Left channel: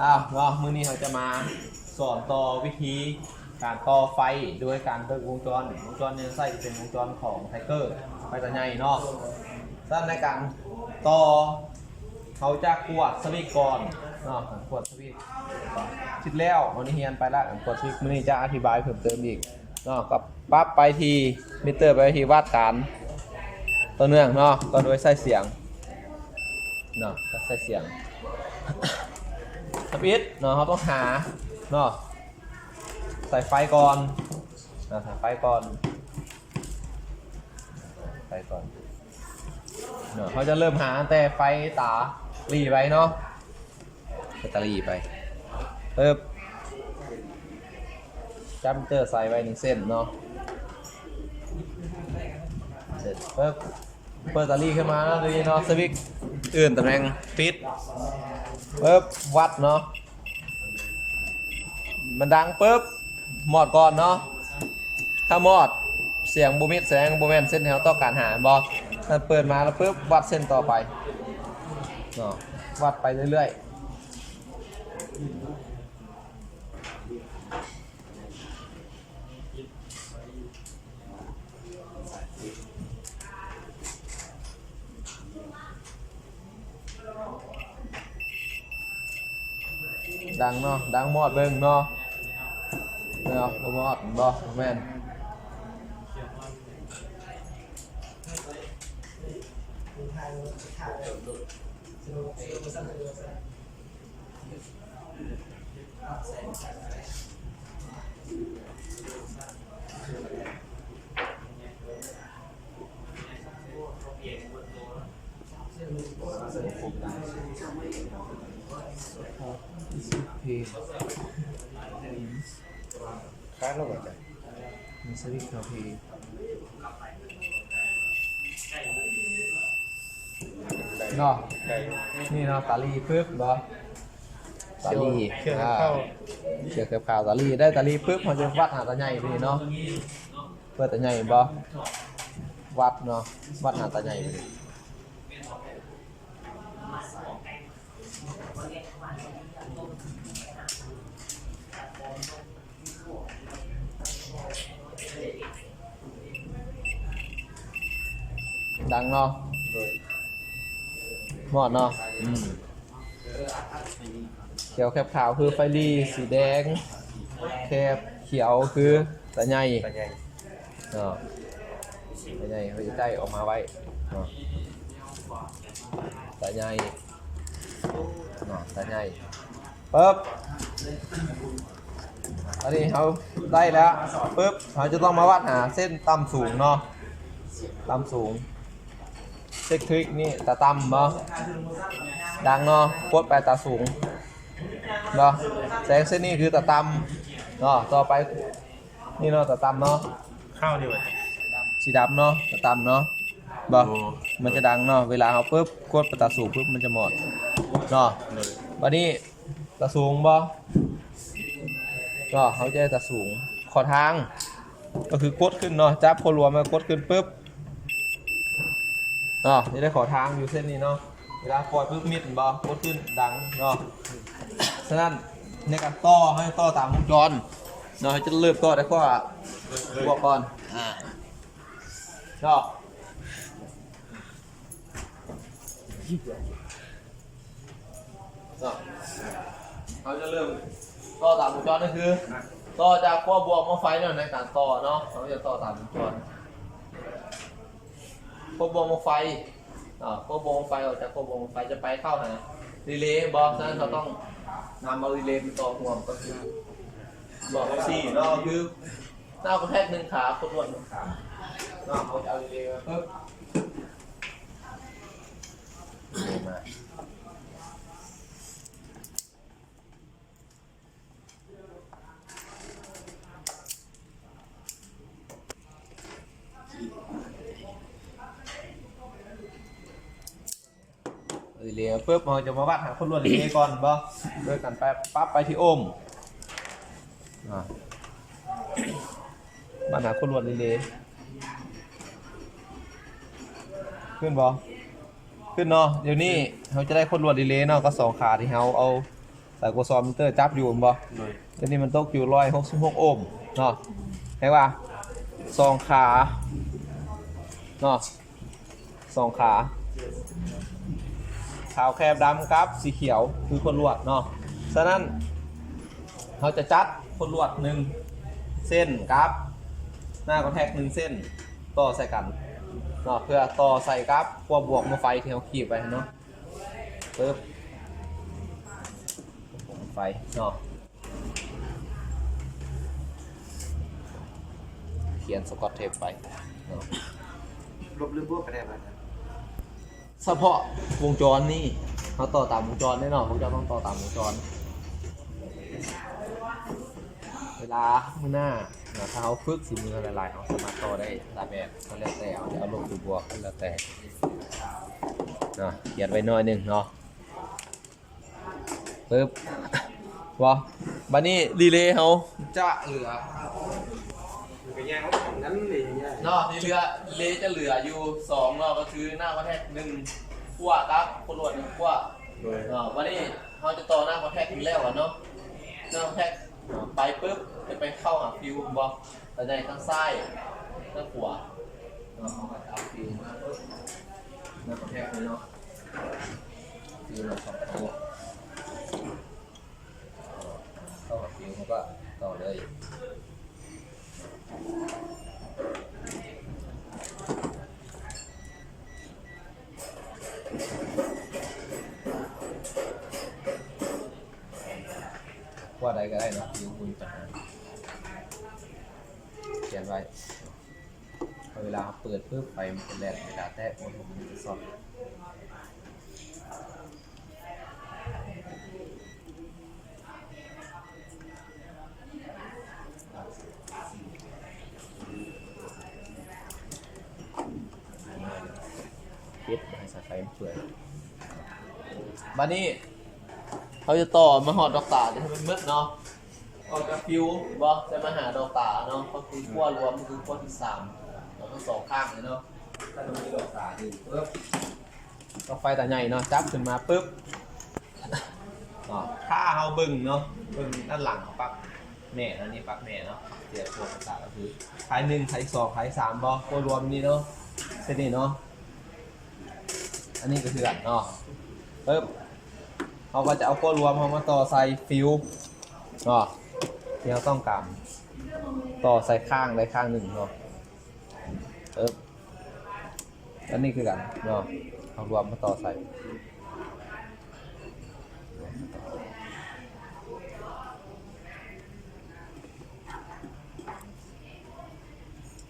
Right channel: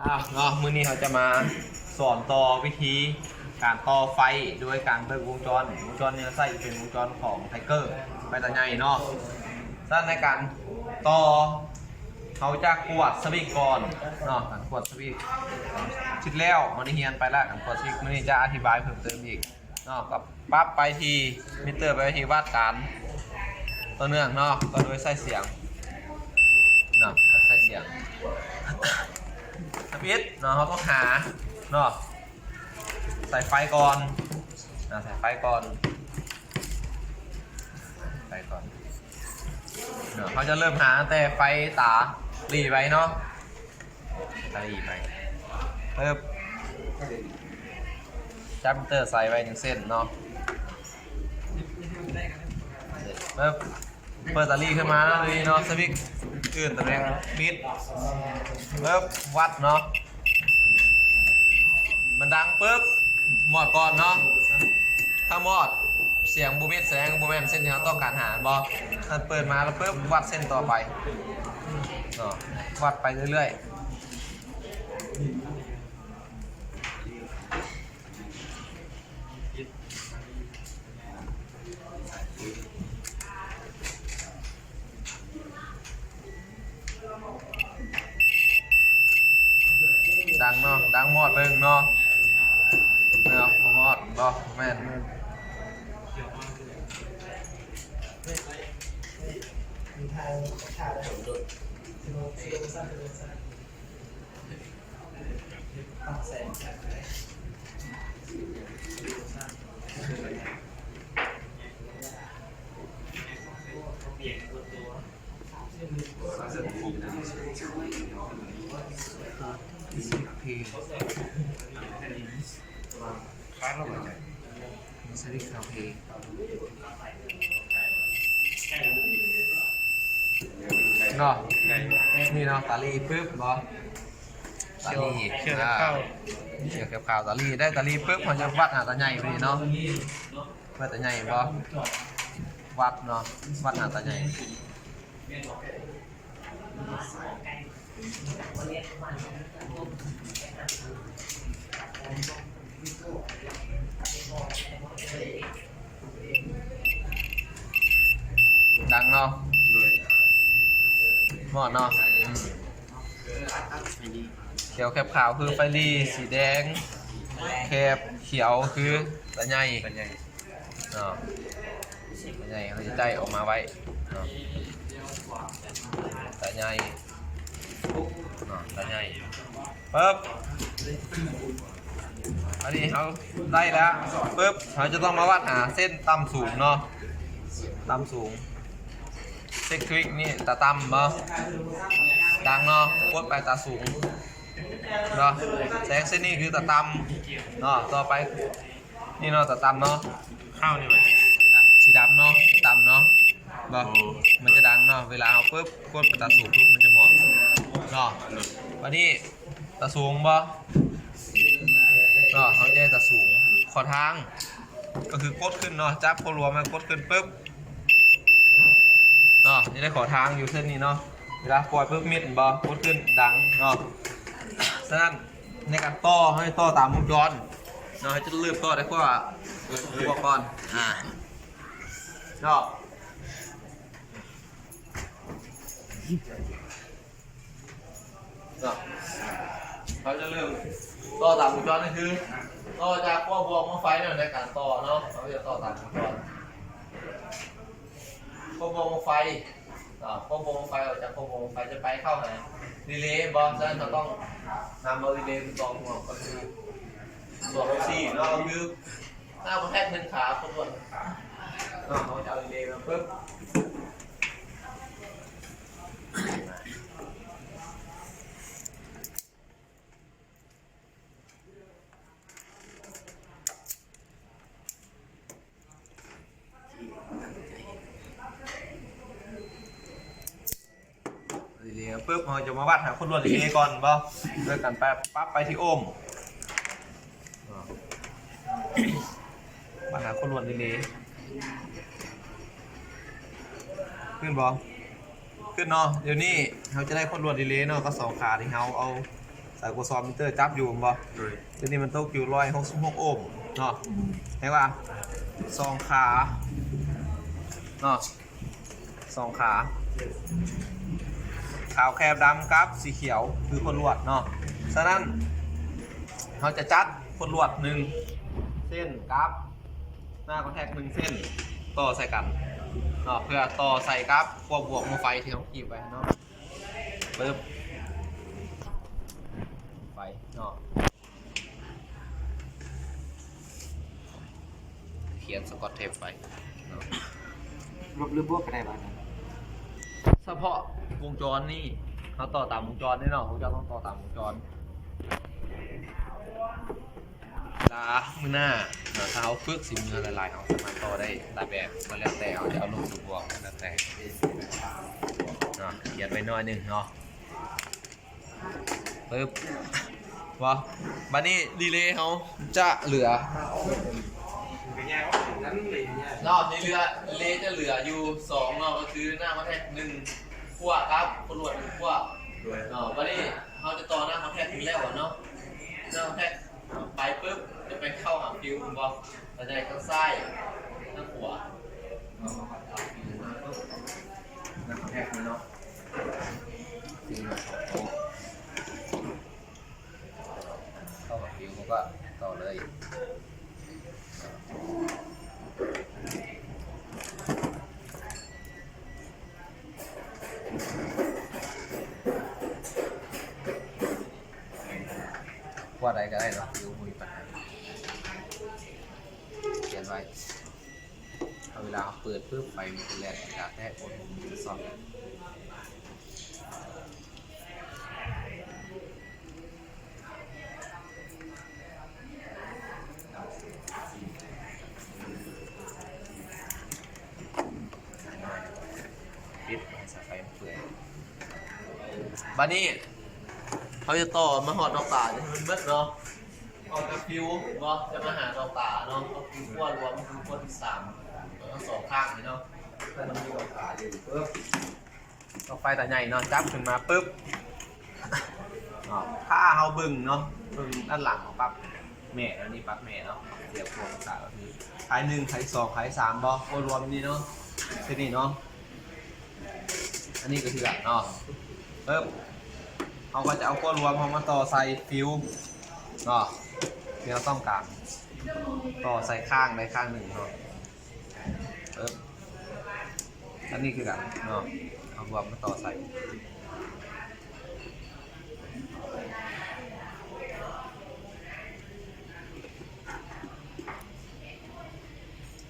เนาะมื้อนี้เขาจะมาสอนต่อวิธีการต่อไฟด้วยการเบิกวงจรเนี่ยใส่เป็นวงจรของไทเกอร์ไฟตาใหญ่เนาะด้านในการต่อเขาจะกวดสวิตช์ก่อนเนาะการกวดสวิตช์ชิดแล้ววันนี้เฮียนไปแล้วการกวดสวิตช์มื้อนี้จะอธิบายเพิ่มเติมอีกเนาะปั๊บไปที่มิเตอร์ไปที่วัดการต่อเนื่องเนาะก็โดยใส่เสียงเนาะใส่เสียงสวิตช์เนาะเขาต้องหาเนาะใส่ไฟก่อนใส่ไฟก่อนเนาะเขาจะเริ่มหาแต่ไฟตาหลีไปเนาะตาหลีไปเพิ่มจัมเตอร์ใส่ไว้1 เส้นเนาะเพิ่มเปิดตาหลีขึ้นมาแล้วดูเนาะสวิตช์อื่นตำแหน่งปิดปุ๊บวัดเนาะมันดังปุ๊บหมอดก่อนเนาะถ้าหมอดเสียงบูมิดแสงบูแมนเส้นที่เราต้องการหาบอมันเปิดมาแล้วปุ๊บวัดเส้นต่อไปเนาะวัดไปเรื่อยๆดังเนาะดังหมอดเบิ่งเนาะเนาะบ่หมอดบ่แม่นเพลงฟ้าโลกอะไรมีสวิตช์เพลงเนาะนี่เนาะตาลีปึ๊บบอตาลีเชื่อกับข้าวตาลีได้ตาลีปึ๊บเขาจะวัดหาตาใหญ่ไปเนาะเพื่อตาใหญ่บอวัดเนาะวัดหาตาใหญ่ดังเนาะหมดเนาะเขียวแคบขาวคือไฟรีสีแดงแคบเขียวคือตาใหญ่เนาะตาใหญ่เขาจะใจออกมาไว้เนาะตาใหญ่เนาะตาใหญ่ปึ๊บอันนี้เขาได้แล้วปึ๊บเขาจะต้องมาวัดหาเส้นต่ำสูงเนาะต่ำสูงเส้นคลิกนี่ตาต่ำเนาะดังเนาะกดไปตาสูงเนาะแสงเส้นนี้คือตาต่ำเนาะต่อไปนี่เนาะตาต่ำเนาะข้าวดีกว่าสีดำเนาะตาต่ำเนาะบ่มันจะดังเนาะเวลาเขาปึ๊บกดไปตาสูงปึ๊บมันจะหมดเนาะวันนี้ตาสูงบ่ก็เขาจะตาสูงขอทางก็คือกดขึ้นเนาะจับโครัวมากดขึ้นปึ๊บเนาะจะได้ขอทางอยู่เส้นนี้เนาะเวลาปล่อยปึ๊บมิดบ่กดขึ้นดังเนาะฉะนั้นในการต่อให้ต่อตามวงจรเนาะให้จะเริ่มต่อได้ก็บวกก่อนเนาะเขาจะเริ่มต่อตามวงจรนั่นคือต่อจากขั้วบวกมาไฟเนี่ยในการต่อเนาะเขาจะต่อตามวงจรขั้วบวกมาไฟขั้วบวกมาไฟออกจากขั้วบวกมาไฟจะไปเข้าไหนรีเลย์บอลฉะนั้นเราต้องนำเอารีเลย์มาต่อหัวก็คือหลอดสี่เนาะคือหน้าประเภทหนึ่งขาขบวนหนึ่งขาเนาะเขาจะเอารีเลย์มาปึ๊บรีเลย์ปุ๊บเราจะมาวัดหาคนรวดรีเลย์ก่อนบ่โดยการปั๊บไปที่โอห์มวัดหาคนรวดรีเลย์ขึ้นบ่ขึ้นเนาะเดี๋ยวนี้เราจะได้คนรวดรีเลย์เนาะก็2 ขาที่เราเอา แต่กูซอมมิเตอร์จับอยู่บ่ตัวนี้มันตกอยู่166โอห์มเนาะเห็นป่ะ2 ขาเนาะ2 ขาขาวแคบดำกับสีเขียวคือคนลวดเนาะฉะนั้นเราจะจัดคนลวด1เส้นกับหน้าคอนแทค1เส้นต่อใส่กันเนาะเพื่อต่อใส่กับขั้วบวกมาไฟที่เขาขีดไปเนาะปึ๊บไฟเนาะเขียนสกอตเทปไปเนาะลบหรือบวกก็ได้บ้าง เฉพาะวงจรนี่เขาต่อตามวงจรแน่นอนวงจรต้องต่อตามวงจรลามือหน้าถ้าเขาฝึกสิมือหลายๆเขาสามารถต่อได้หลายแบบก็แล้วแต่เขาจะเอาลงหรือบวกแล้วแต่เนาะเขียนไว้หน่อยหนึ่งเนาะปึ๊บวะบัดนี้รีเลย์เขาจะเหลือเนาะรีเลย์จะเหลืออยู่2เนาะก็คือหน้ามาแทก1ขั้วครับคนรวด1ขั้วเนาะบัดนี้เขาจะต่อหน้ามาแทกอยู่แล้วเนาะหน้ามาแทกไปปึ๊บจะไปเข้าหาฟิวบอลแต่ในข้างซ้ายหน้าขวาเอาฟิวหน้าปึ๊บหน้ามาแทกนี้เนาะฟิวมา2ตัวเข้าหาฟิวเขาก็ต่อเลยว่าใดก็ได้เนาะฟิวบุญปัญหาเขียนไว้เวลาเขาเปิดเพื่อไฟมันเป็นแลนด์ดาแท้โอโทมันจะซ่อนปิดให้สายไฟมันเปื่อยบ้านนี้เขาจะต่อมาหอดดอกตาจะให้มันมืดเนาะออกจากฟิวบอจะมาหาดอกตาเนาะก็คือขั้วรวมคือขั้วที่3เราต้อง2 ข้างเลยเนาะถ้าเรามีดอกตาอยู่ปึ๊บดอกไฟตาใหญ่เนาะจับขึ้นมาปึ๊บถ้าเราบึ้งเนาะบึ้งด้านหลังของปั๊บแม่แล้วนี่ปั๊บแม่เนาะเดี๋ยวพวกตาก็คือท้าย1ท้าย2ท้าย3บอขั้วรวมนี่เนาะเส้นนี้เนาะอันนี้ก็คืออันเนาะปึ๊บเขาก็จะเอาขั้วรวมเขามาต่อใส่ฟิวเนาะที่เราต้องการต่อใส่ข้างได้ข้างหนึ่งเนาะอันนี้คือกันเนาะเอารวมมาต่อใส่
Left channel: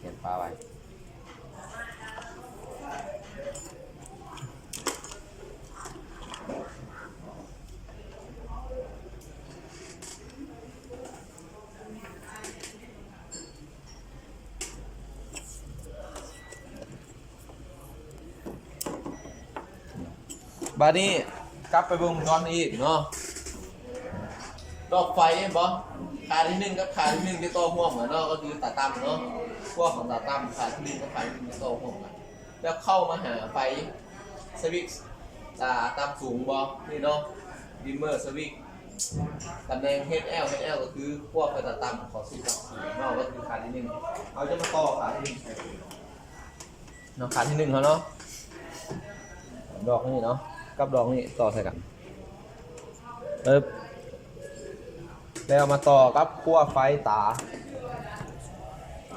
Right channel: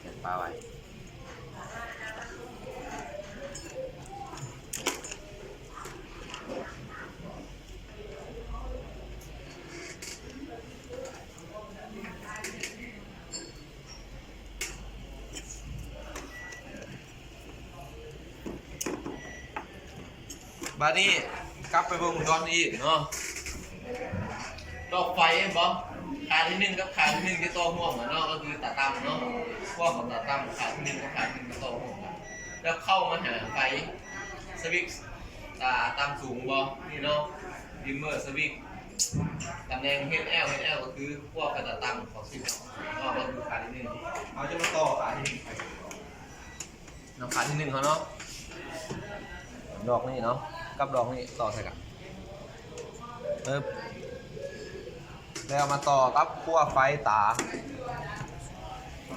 เก็บปลาไว้บานี้กลับไปวงจรอีกเนาะดอกไฟบอขาที่1กับขาที่1จะต่อห่วงกันเนาะก็คือตาตั้มเนาะพวกของตาตั้มขาที่1กับขาที่1จะต่อห่วงกันแล้วเข้ามาหาไฟสวิตช์ตาตั้มสูงบอนี่เนาะดิมเมอร์สวิตช์ตำแหน่ง HL ก็คือพวกกระตาตั้มของสวิตช์เนาะก็คือขาที่1เอาจะมาต่อขาที่1เนาะขาที่1เขาเนาะดอกนี่เนาะกับดอกนี่ต่อใส่กันแล้วมาต่อกับขั้วไฟตา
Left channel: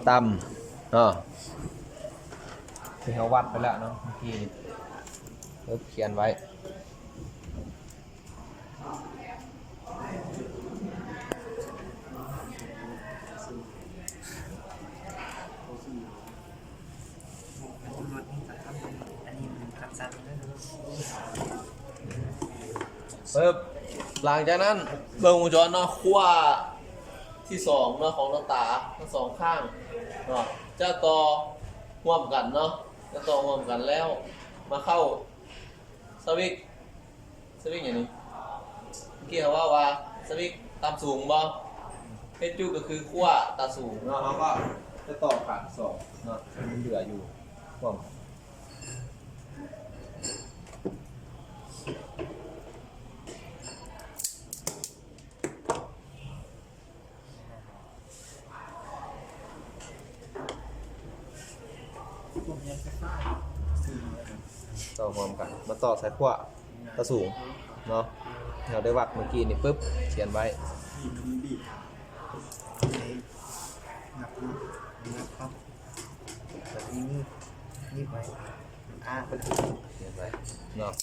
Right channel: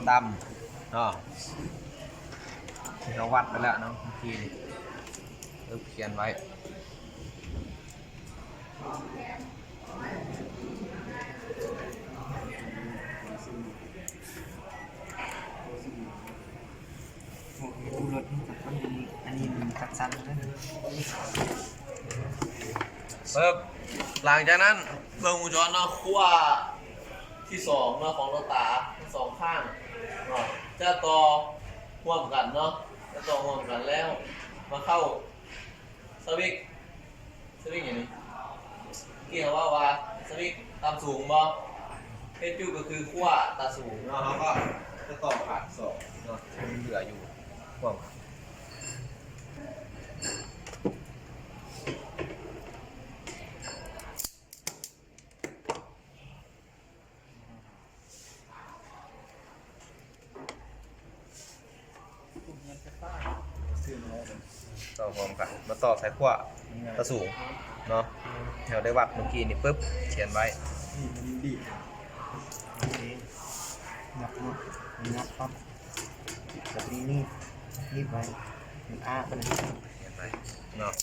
ดำที่เขาวัดไปแล้วเนาะเมื่อกี้นี่เขียนไว้รถอันนี้มันตัดสั้นเลยหลังจากนั้นเครื่องวงจรเนาะขั้วที่2เนาะของเราตาทั้ง2 ข้างเนาะจะต่อร่วมกันเนาะจะต่อร่วมกันแล้วมาเข้าสวิตช์อย่างนี้เกี่ยวว่าสวิตช์ตามสูงบ่เฮดจูก็คือขั้วตาสูงเนาะเขาก็จะต่อขาด2เนาะมันเหลืออยู่ร่วมกัน ต่อพร้อมกันมาต่อสายขั้วตะสูงเนาะเราได้วัดเมื่อกี้นี่ปุ๊บเขียนไว้ นับเนาะนับครับแบบนี้นี่ไว้มันมัน เขียนไว้เนาะ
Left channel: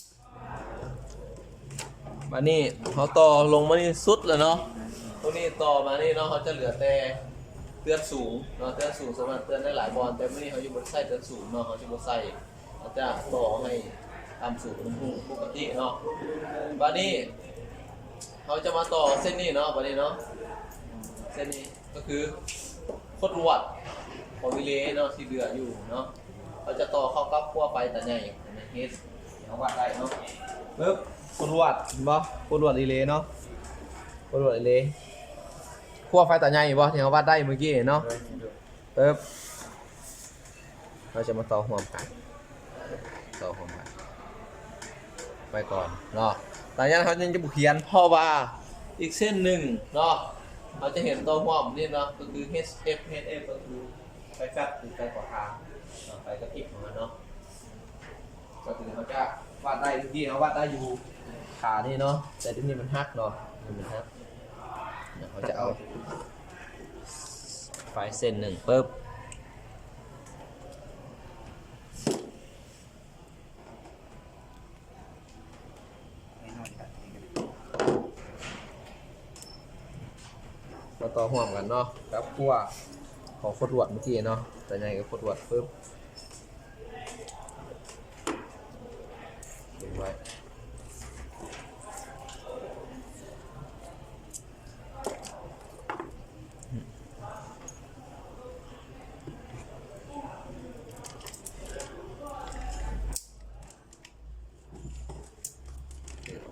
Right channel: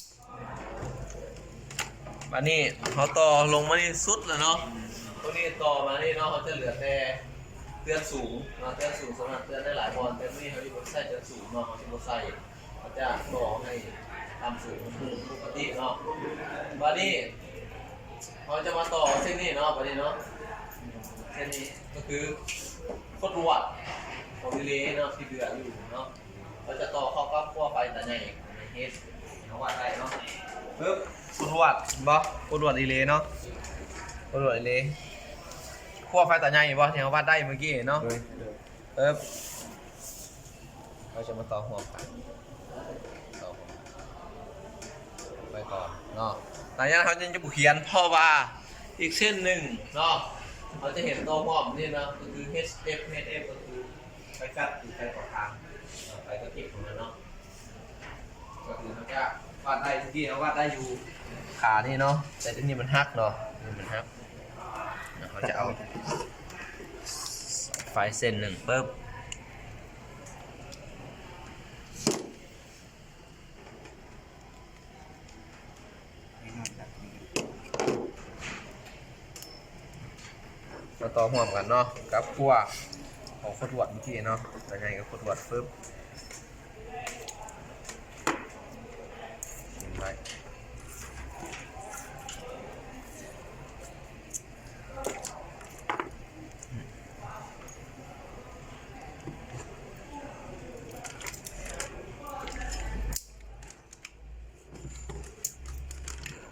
มานี่เขาต่อลงมานี่สุดเลยเนาะตรงนี้ต่อมานี่เนาะเขาจะเหลือแต่เตือนสูงเนาะเตือนสูงสามารถเตือนได้หลายบอลแต่ไม่เขาอยู่บนไส้เตือนสูงเนาะเขาจะบนไส้เขาจะต่อให้ตามสูงปกติเนาะบานี้เขาจะมาต่อเส้นนี้เนาะบานี้เนาะเส้นนี้ก็คือโคตรวัดของวิเลเนาะที่เดืออยู่เนาะเราจะต่อเข้ากับขั้วไฟแต่ใหญ่ในเฮสเอาวัดได้เนาะปึ๊บโคตรวัดบ่โคตรวัดวิเลเนาะโคตรวัดวิเลขั้วไฟแต่ใหญ่บ่ที่เขาวัดได้เมื่อกี้เนาะปึ๊บเราจะมาต่อหัวกันต่อหัวกันไปก่อนเนาะหลังจากนั้นเขาจะบุเขียนเพราะว่าอีกเส้นหนึ่งเนาะเราจะเห็นตัวหัวนี่เนาะก็คือ HF ก็คือไฟกัดหรือไฟขอทางไฟกระติกของมันเนาะก็คือมันจะวาดได้ทุกที่เขาวาดได้อยู่ขานี่เนาะแต่ที่นี่มันหักเนาะนี่มันหักเขาจะเอาไฟเส้นหนึ่งปุ๊บมาต่อห่วงกันเนาะกับขั้วของโคตรวัดเมื่อกี้เนาะแต่ใหญ่กับโคตรวัดปุ๊บทิ้งไว้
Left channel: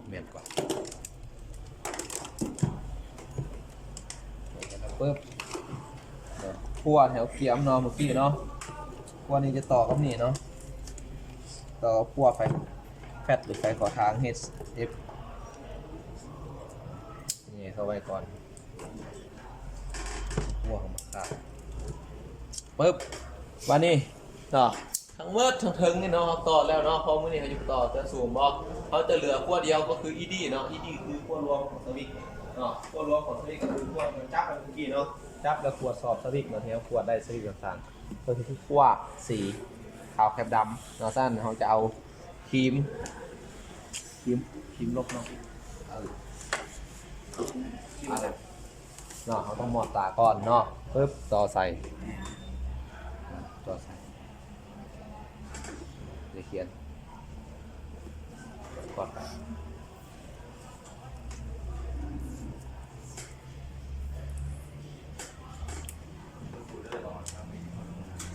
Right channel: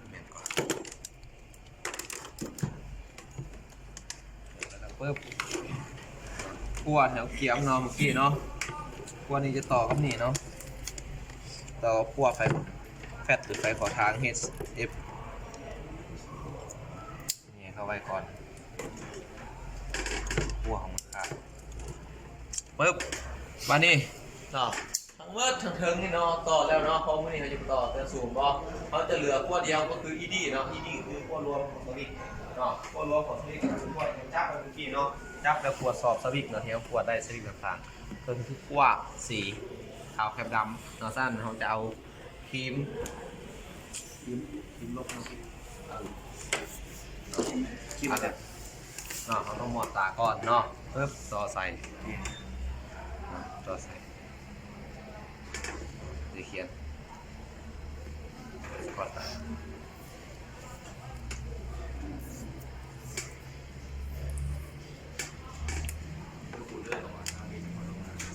เมียนก่อนปุ๊บขั้วแถวเขียมเนาะเมื่อกี้เนาะขั้วนี้จะต่อกับนี่เนาะต่อขั้วไฟแฟตหรือไฟขอทาง HF นี่เข้าไว้ก่อนขั้วของมันขาดปุ๊บมานี่เนาะทั้งเวิร์ดทั้งเทิงนี่เนาะต่อแล้วเนาะเพราะมื่อนี้เขาจะต่อแต่สูงบอเขาจะเหลือขั้วเดียวก็คือ ED เนาะ ED คือขั้วรวมของสวิตเนาะขั้วรวมของสวิตก็คือขั้วจับเมื่อกี้เนาะจับแล้วขวดสอบสวิกเนาะที่เขาขวดได้สวิกต่างๆก็คือขั้วสีขาวแคบดำเนาะสั้นเขาจะเอาครีมลบเนาะเนาะเขาต้องหมดตาก่อนเนาะปึ๊บต่อใส่ต่อใส่เดี๋ยวเขียนก่อนตา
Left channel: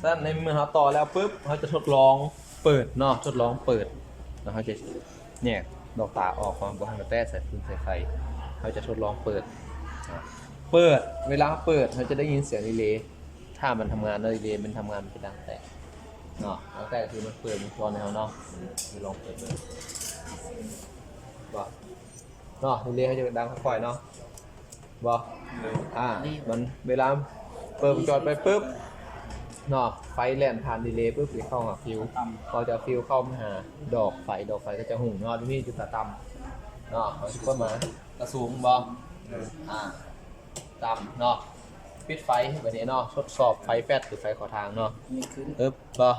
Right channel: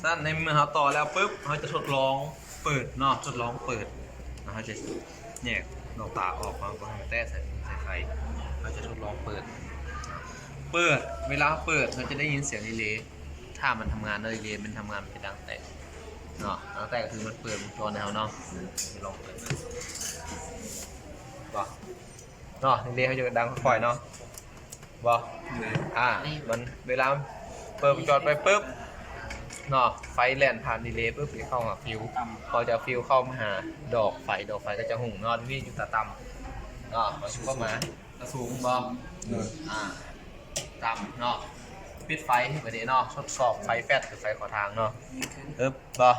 สั้นในเมื่อเขาต่อแล้วปุ๊บเขาจะทดลองเปิดเนาะทดลองเปิดแล้วเขาจะแยกดอกตาออกความก็ให้มันแตะใส่ฟืนใส่ไฟเขาจะทดลองเปิดเวลาเปิดเขาจะได้ยินเสียงรีเลย์ถ้ามันทำงานแล้วรีเลย์มันทำงานมันจะดังแตกเนาะดังแตกคือมันเปิดวงจรในเขาเนาะจะลองเปิดเลยบ่เนาะรีเลย์เขาจะดังค่อยๆเนาะบ่มันเวลาเปิดวงจรไปปุ๊บเนาะไฟแล่นผ่านดีเลย์ปุ๊บเข้าหาฟิวพอจะฟิวเข้ามาหาดอกไฟก็จะหุ่งเนาะที่นี่จุดตาต่ำเนาะเขาชิบว่ามาตะสูงบอต่ำเนาะปิดไฟแบบนี้เนาะทดสอบไฟแฟตหรือไฟขอทางเนาะบอ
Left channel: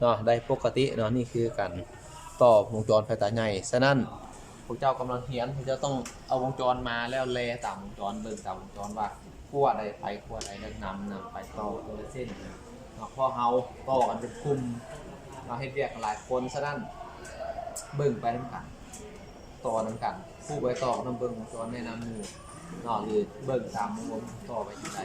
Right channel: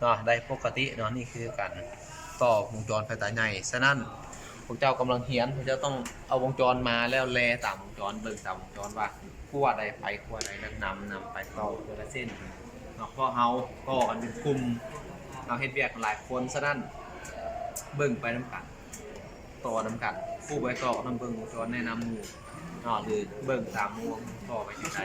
เนาะได้ปกติเนาะนี่คือการต่อวงจรไฟตาใหญ่ฉะนั้นพวกเจ้ากำลังเฮียนพวกเจ้าต้องเอาวงจรมาแล้วแลตามวงจรเบิ่งตามวงจรว่าขั้วใดไฟขั้วใดแล้วนำไปต่อตัวละเส้นเนาะเพราะเฮาต่อกันเป็นกลุ่มเราเฮ็ดเวียกหลายคนฉะนั้นเบิ่งไปน้ำกันต่อน้ำกันผู้ไปต่อน้ำเบิ่งวงจรแนะนำหมู่เนาะหรือเบิ่งตามหมู่ต่อไปที่ใด